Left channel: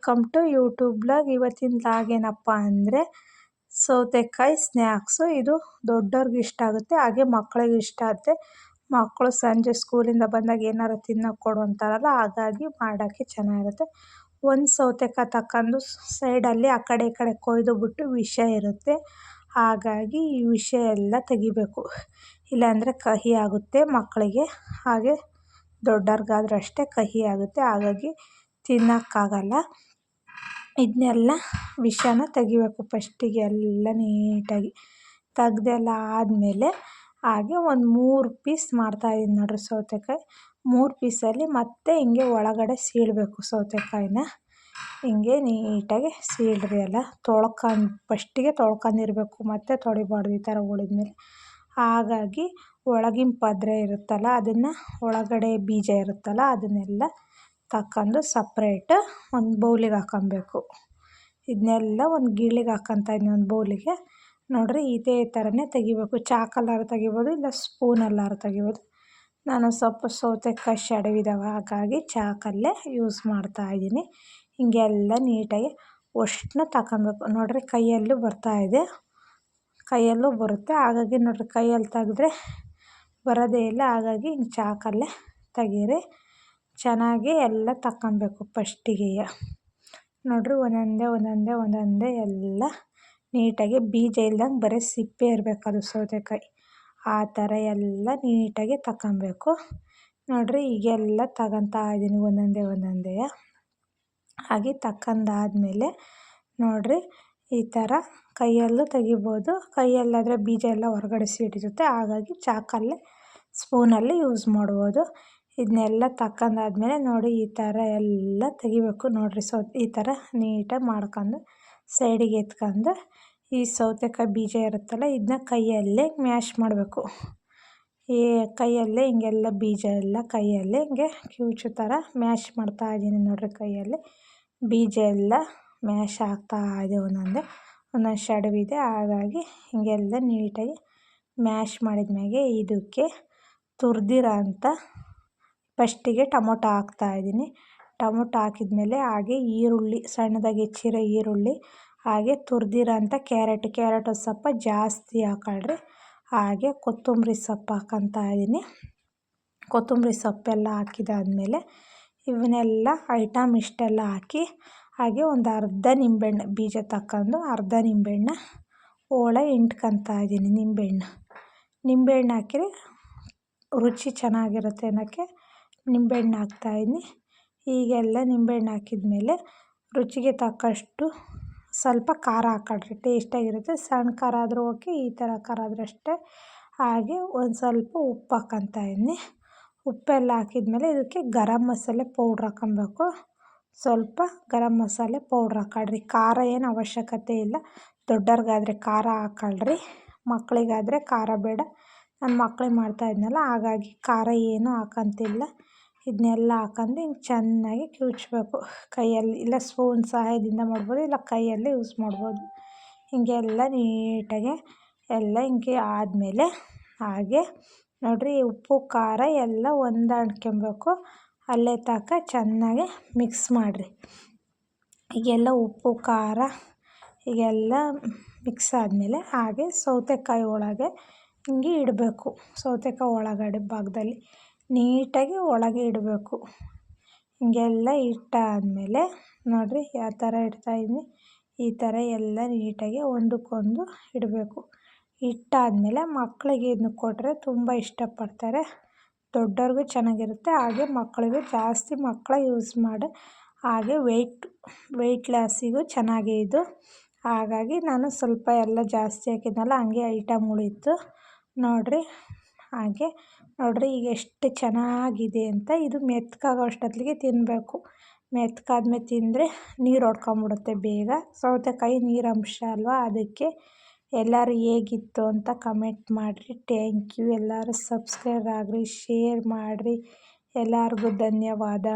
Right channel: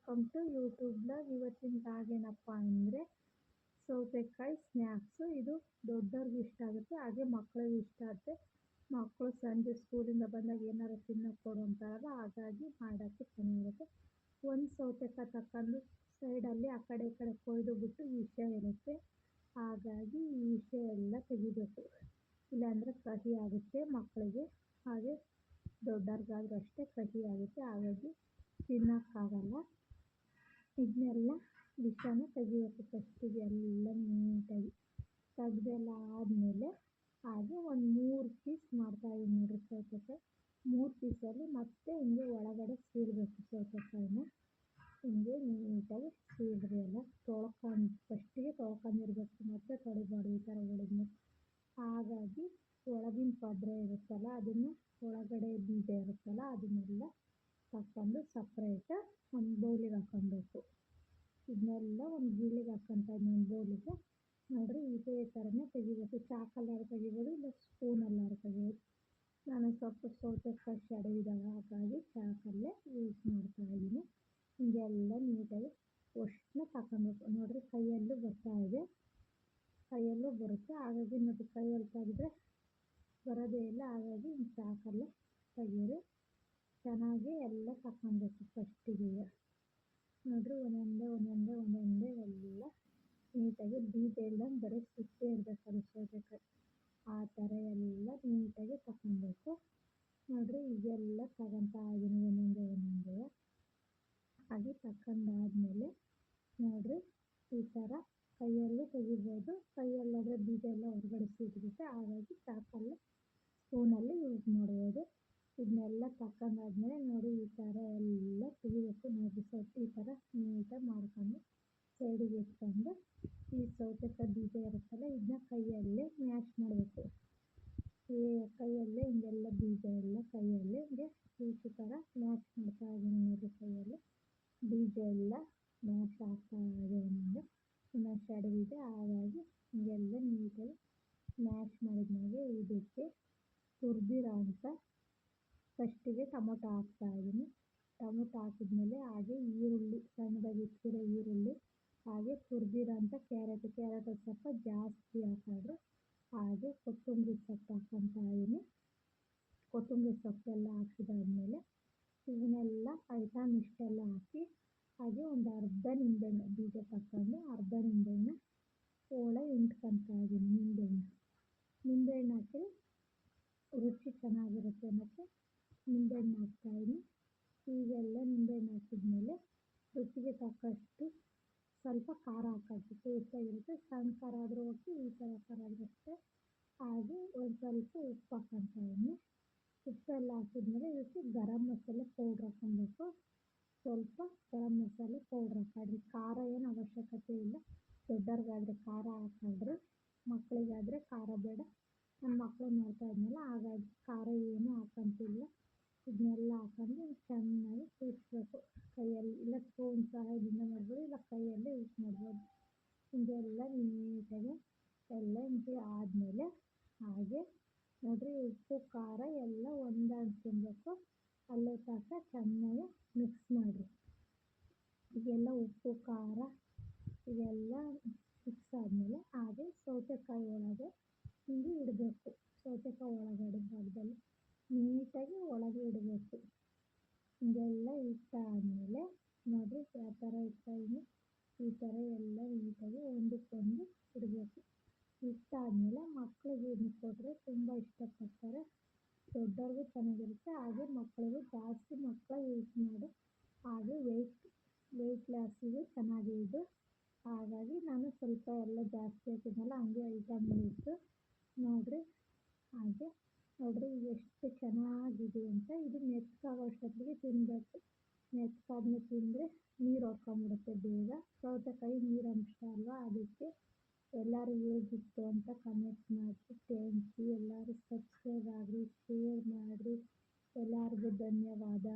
Welcome to YouTube blog. ಇವತ್ತಿನ blog ಏನಪ್ಪ ಅಂದರೆ ಸೌತೆಕಾಯಿ ಸ್ನ್ಯಾಕ್ಸು. ಇದು ದೊಡ್ಡವ್ರಿಗೆ ಇಷ್ಟ ಆಗುತ್ತೆ, ಹಾಗೆ ಮಕ್ಕಳಿಗೆ ಇಷ್ಟ ಆಗುತ್ತೆ. ಮಕ್ಕಳು ಸಂಜೆ ಸ್ಕೂಲಿಂದ ಬಂದಾಗ ಏನಾರು ತಿನ್ನೋಕೆ ಕೊಡು ಅಂತಾರಲ್ಲ, ಹಾಗಾಗಿ ಮಾಡೋಕ್ಕೆ ಚೆನ್ನಾಗಿರುತ್ತೆ. ಒಂದು ಸೌತೆಕಾಯಿ ತಗೊಂಡು ಸೈಡಲ್ಲಿ ಆ ಕಡೆ ಈ ಕಡೆ ಕೊಯ್ದು ಬಿಟ್ಟು ವಿಷ ಇರುತ್ತೆ, ಹಾಗಾಗಿ ಈ ವಿಷ ಎಲ್ಲ ತೆಗಿಬೇಕು, ಇಲ್ಲಾಂದರೆ ಕಹಿ ಆಗುತ್ತೆ ಮಕ್ಕಳಿಗೆ, ಹಾಗೆ ದೊಡ್ಡವ್ರಿಗಾದ್ರೂ ಅಷ್ಟೇ ಕಹಿ ಆಗುತ್ತೆ, ಹಾಗಾಗಿ ತಿನ್ನೋಕ್ಕಾಗಲ್ಲ. ಇದನ್ನೆಲ್ಲ ವಿಷನ ತೆಗಿಬೇಕು ಫಸ್ಟಿಗೆ ಎಲ್ಲ ನೀಟಾಗಿ ತೆಗ್ದೆಲ್ಲ ಆದಮೇಲೆ ಹಾಗೆ ಒಂದು 3 ಪೀಸ್ ಮಾಡ್ತಾಯಿದ್ದೀನಿ ನೋಡಿರಿ ಸೌತೆಕಾಯಿ. 3 ಪೀಸಲ್ಲಿ ಮತ್ತೆ ಹಿಂಗೆ ಒಳಗಡೆ ಸೀಳಬೇಕು ಸೌತೆಕಾಯಿನ. ಹಿಂಗೆ ನೀಟಾಗಿ ಸೀಳ್ರಿ, ಎಲ್ಲ ಫಸ್ಟಿಗೆ ತೊಳ್ಕೊಂಡಿರ್ಬೇಕು, ಮತ್ತೆ ತೊಳಿಬಾರ್ದು ಈ ಥರ ಉಳಿದ್ಮೇಲೆ. ಹಾಗಾಗಿ ಒಳಗಿನ ಪದ್ರೆ ಇರುತ್ತಲ್ಲ, ಅದನ್ನು ಒಳಗಡೆ ಬೀಜ ಇರುತ್ತಲ್ಲ ಅದನ್ನೆಲ್ಲ ತಗೊಂಡು ಸಪ್ರೇಟ್ ಒಂದು ಬೌಲಿಗೆ ಹಾಕೊಬೇಕು. ಇದನ್ನೆಲ್ಲ ಒಂದು ಗಿಳಿಗೆ ಹಾಕ್ಕೊತಾ ಇದ್ದೀನಿ, ಒಂದು ಬೌಲಿಗೆ. ನೋಡಿರಿ ಇದೇ ಥರನೇ ತೆಗಿಬೇಕು. ಚಾಕಲ್ಲಾರು ತೆಗಿಬೋದು, ಇಲ್ಲ ಸ್ಪೂನಲ್ಲಾರು ತೆಗಿಬೋದು. ನಾನು ಸ್ವಲ್ಪ ಸೌತೆಕಾಯಿ ಶಡವಿದ್ದಾವೆ, ಹಾಗಾಗಿ ಚಾಕಲ್ಲೇ ಯೂಸ್ ಮಾಡ್ತಾಯಿದ್ದೀನಿ. ಹಿಂಗೆಲ್ಲ ನೀಟಾಗಿ ಅಷ್ಟನ್ನ ತಗೊಬೇಕು. ನೋಡಿರಿ ಕೈಯಲ್ಲೂ ಬರ್ತಾಯಿದೆ, ಕೈಯಲ್ಲೂ ಬರುತ್ತೆ, ಹಾಗಾಗಿ ನೋಡಿರಿ ಕೈಯಲ್ಲಿ ತೆಗೆದ್ರೆ ಬರೋದೇ ಇಲ್ಲ, ಹಾಗಾಗಿ ಹಿಂಗೆ ಚಾಕಲ್ಲೇ ತೆಗೀರಿ. ಚೆನ್ನಾಗಿ ಎಲ್ಲ ತಗೊಬೇಕು ಫಸ್ಟಿಗೆ. ನೋಡಿರಿ ಒಂದೊಂದೇ ಎಲ್ಲ ನೀಟಾಗಿ ಬೀಜ ಇಲ್ದಂಗೆ ಬರೀ ಸಿಪ್ಪೆ ಇರಬೇಕು ಅದು ಸೌತೆಕಾಯಿ, ಆ ಥರ ಎಲ್ಲ ನೀಟಾಗಿ ತಗೊಬೇಕು. ನೋಡಿರಿ ಈಗೆಲ್ಲ ತಗೊತಾ ಇದ್ದೀನಿ ಒಂದೊಂದೇ. ಹಾಗೆ ತಗೊಂಡಾದ್ಮೇಲೆ ನೋಡಿರಿ ಈ ಥರ ಕೈಯಲ್ಲೂ ತೆಗಿಬೋದು, ಕೈಯಲ್ಲಾದರೆ ಬೀಜ ಎಲ್ಲ ಹೊರಗಡೆ ಸಿಡಿರುತ್ತೆ, ಹಾಗಾಗಿ ಚಾಕಲ್ಲೇ ಸ್ಪೂನಲ್ಲಿ ಯೂಸ್ ಮಾಡ್ಬೋದು. ಇದನ್ನೆಲ್ಲ ತಗೊಂಡಾದ್ಮೇಲೆ ನೋಡಿ ಈ ಥರ ಎಲ್ಲ ತೆಗಿಬೇಕು. ನೋಡಿರಿ ಈ ಥರ ನೀಟಾಗಿ ಮಾಡ್ಕೊಂಡು ಸೈಡಿಗೆ ಎತ್ಕೊಂಡು ಈ ಸೌತೆಕಾಯಿ ಬೀಜ ಇರುತ್ತಲ್ಲ, ಇದನ್ನ ಕೈಯಲ್ಲೇ ಮ್ಯಾಶ್ ಮಾಡಬೇಕು. ಈ ಕೈಯಲ್ಲೇ ಹಿಂಗೆಲ್ಲ ಬೀಜ ಎಲ್ಲ ಕೈಯಲ್ಲೇ ಹಿಂಗೆ ಕಿವುಚು ಥರ ಮ್ಯಾಶ್ ಮಾಡ್ತಾಯಿದ್ದೀನಿ. ನೋಡಿರಿ ಕೈಯಲ್ಲಿ ಬೀಜ ಎಲ್ಲ ಮ್ಯಾಶ್ ಆಗ್ತಾಯಿದೆ, ಒಂದೊಂದು ಶಡವಿದೆ, ಹಾಗಾಗಿ ಹಿಂಗೆಲ್ಲ ನೀಟಾಗಿ ಮ್ಯಾಶ್ ಮಾಡಿದ್ಮೇಲೆ ಇದಕ್ಕೆ ತುರಿದಿರೋ ಅಂಥ ಫಸ್ಟಿಗೆ ಟೊಮೊಟೊ ಹಾಕ್ತಾಯಿದ್ದೀನಿ. ಟೊಮೊಟೊ ಹಾಕಿದ್ಮೇಲೆ ಹಾಗೆ ಈರುಳ್ಳಿ, ಸಣ್ಣದಾಗಿ ಹೆಚ್ಚಿರೋ ಈರುಳ್ಳಿ, ಹಾಗೆ ತುರಿದಿರೋ ಅಂಥ ಕ್ಯಾರೆಟು ಸ್ವಲ್ಪ ಜಾಸ್ತಿ ಹಾಕೊಳ್ರಿ. ಹಾಗೆ ಕೊತ್ತಂಬರಿ ಸೊಪ್ಪು ಹಾಕ್ಕೊತಾ ಇದ್ದೀನಿ. ಕೊತ್ತಂಬರಿ ಸೊಪ್ಪೆಲ್ಲ ಹಾಕಿದಾದ್ಮೇಲೆ ಇವನ್ನೆಲ್ಲ ಐಟಮ್ ಇಷ್ಟೆಲ್ಲ ಹಾಕಿ ಹಾಗೆ ಒಂದು ಅರ್ಧ ನಿಂಬೆಹಣ್ಣು ಬೀಜ ತಗೊಂಡು ಅರ್ಧ ನಿಂಬೆಹಣ್ಣ ಹೋಳೆ ಹಿಂಡ್ಕೊತಾ ಇದ್ದೀನಿ. ನಿಂಬೆಹಣ್ಣು ಹಾಕಿದ್ರೆ ರುಚಿ ಚೆನ್ನಾಗಿರುತ್ತೆ ಅನ್ನೋಕ್ಕೆ ನಿಂಬೆಹಣ್ಣು ಹಾಕ್ತಾಯಿದ್ದೀನಿ. ಹೀಗೆಲ್ಲ ನಿಂಬೆಹಣ್ಣು ಹಾಕಿದ್ಮೇಲೆ ರುಚಿಗೆ ತಕ್ಕಷ್ಟು ಸ್ವಲ್ಪ ಖಾರ ಹಾಕೊಳ್ರಿ, ಟೇಸ್ಟಾಗಿರುತ್ತೆ. ಸಣ್ಣ ಖಾರ ಆದರೂ ಓಕೆ, ಈ ಥರ ಖಾರ ಆದರೂ ಅಷ್ಟೇ. ಹಾಗೆ ಒಂದು ಸ್ವಲ್ಪ ಉಪ್ಪು ಹಾಕ್ಕೊತಾ ಇದ್ದೀನಿ. ಉಪ್ಪೆಲ್ಲ ಹಾಕಿದ್ಮೇಲೆ ಇದಕ್ಕೆ ಗರಂ ಮಸಾಲೆ ಪೌಡ್ರ್ ಹಾಕೊಬೇಕು. ಸ್ವಲ್ಪ ಗರಂ ಮಸಾಲೆ ಪೌಡ್ರ್ ಹಾಕೊಳ್ರಿ. ಖಾರ ಏನು ಅವಶ್ಯಕತೆ ಇಲ್ಲ, ದೊಡ್ಡವ್ರಿಗಾದರೆ ಖಾರ ಹಾಕೊಳ್ರಿ, ಮಕ್ಕಳಿಗಾದರೆ ಖಾರ ಬೇಡ. ನಾನು ಮಕ್ಕಳಿಗೆ ಮಾಡ್ತಾಯಿದ್ನಲ್ಲ, ಹಾಗಾಗಿ ಖಾರ ಏನೂ ಹಾಕೋಂತಿಲ್ಲ. ಇದನ್ನೆಲ್ಲ ಹಾಕೊಂಡು ಹಿಂಗೆ ಚೆನ್ನಾಗಿ ಕಿವುಚಬೇಕು ಕೈಯಲ್ಲಿ, ಇಲ್ಲ ಸ್ಪೂನ್ ಸಹಾಯದಿಂದ ಮಾಡ್ಬೋದು, ಇಲ್ಲ ಕೈಯಲ್ಲೇ ಯೂಸ್ ಮಾಡ್ಬೋದು. ಹಿಂಗೆಲ್ಲ ನೀಟಾಗಿ ಎಲ್ಲ ಹಿಂಗೆ ಆದಮೇಲೆ ಹಾಗೆ ನೋಡಿರಿ ಉಪ್ಪು ಖಾರ ಎಲ್ಲ ಹೊಂದಾಣ್ಕೊಬೇಕು. ಅಲ್ಲೇ ತನಕ ಚೆನ್ನಾಗಿ ಮಿಕ್ಸ್ ಮಾಡಿರಿ. ಈಗೆಲ್ಲ ಉಪ್ಪು ಖಾರ ಹೀಗೆಲ್ಲ ಮಿಕ್ಸ್ ಆದಮೇಲೆ ಹಾಗೆ ಸೌತೆಕಾಯಿ ಒಳಗೆ ಹಿಂಗೆ ಇಡಬೇಕು. ಸೌತೆಕಾಯಿ ಒಳಗಡೆ ಭಾಗದಲ್ಲಿ ನೀಟಾಗಿ ಒಳಗೆ ಇಡಬೇಕು. ಹಿಂಗೆಲ್ಲ ಇಟ್ಟಾದಮೇಲೆ ನೋಡಿರಿ ಯಾವ ಥರ ಇಡ್ತಾಯಿದ್ದೀನಿ, ಈ ಥರ ಎಲ್ಲ ನೀಟಾಗಿ ಒಂದಕ್ಕೊಂದು ಇಡಬೇಕು. ಇಟ್ಟಾದಮೇಲೆ ಮಕ್ಕಳಿಗೆ ಇದನ್ನ ಕೊಟ್ಟರೆ ತುಂಬ ಇಷ್ಟಪಡ್ತಾರೆ, ದೊಡ್ಡವ್ರಿಗೂ ಚೆನ್ನಾಗಿರುತ್ತೆ, ಹಾಗೆ ಮಕ್ಕಳಿಗೂ ಜಾಸ್ತಿ ಯೂಸ್ ಮಾಡಿ. ಹಾಗೆ ವೆಯ್ಟ್ ಲಾಸಿಗೂ ಚೆನ್ನಾಗಿ ಇದು, ಹಾಗಾಗಿ ನಾನು ಸ್ವಲ್ಪ ಎಲ್ಲ ಜಾಸ್ತಿ ಹಾಕಿದ್ನಲ್ಲ, ಹಂಗೆ ಐಟಮ್ ಉಳಿತು ನೋಡಿರಿ. ಹಾಗೆ ನೋಡಿರಿ ಈಗ ಎಷ್ಟು ಚೆನ್ನಾಗಿದೆ ಅಂತ. ಇದು ಮೆತ್ತಗಾಗೋ ಅಷ್ಟೊತ್ತಿಗೆ ತಿನ್ನಬೇಕು. ಮೆತ್ತಗಾದ್ಮೇಲೆ ತಿಂದರೆ ನೀರು ಹೊಡ್ಕೊಂಬಿಡುತ್ತೆ ಬೇಗ, ಸೌತೆಕಾಯಿ ನೀರಂಶ ಅಲ್ವಾ, ಅದಕ್ಕೆ. ಎಲ್ಲರೂ ಹೇಗಿತ್ತು ಅಂತ ಕಮೆಂಟ್ ಮಾಡಿರಿ. Thank you. ಎಲ್ಲರೂ ಸಬ್ಸ್ಕ್ರೈಬ್ ಆಗಿರಿ, ಶೇರ್ ಮಾಡಿರಿ. ಎಲ್ಲರಿಗೂ ಧನ್ಯವಾದ.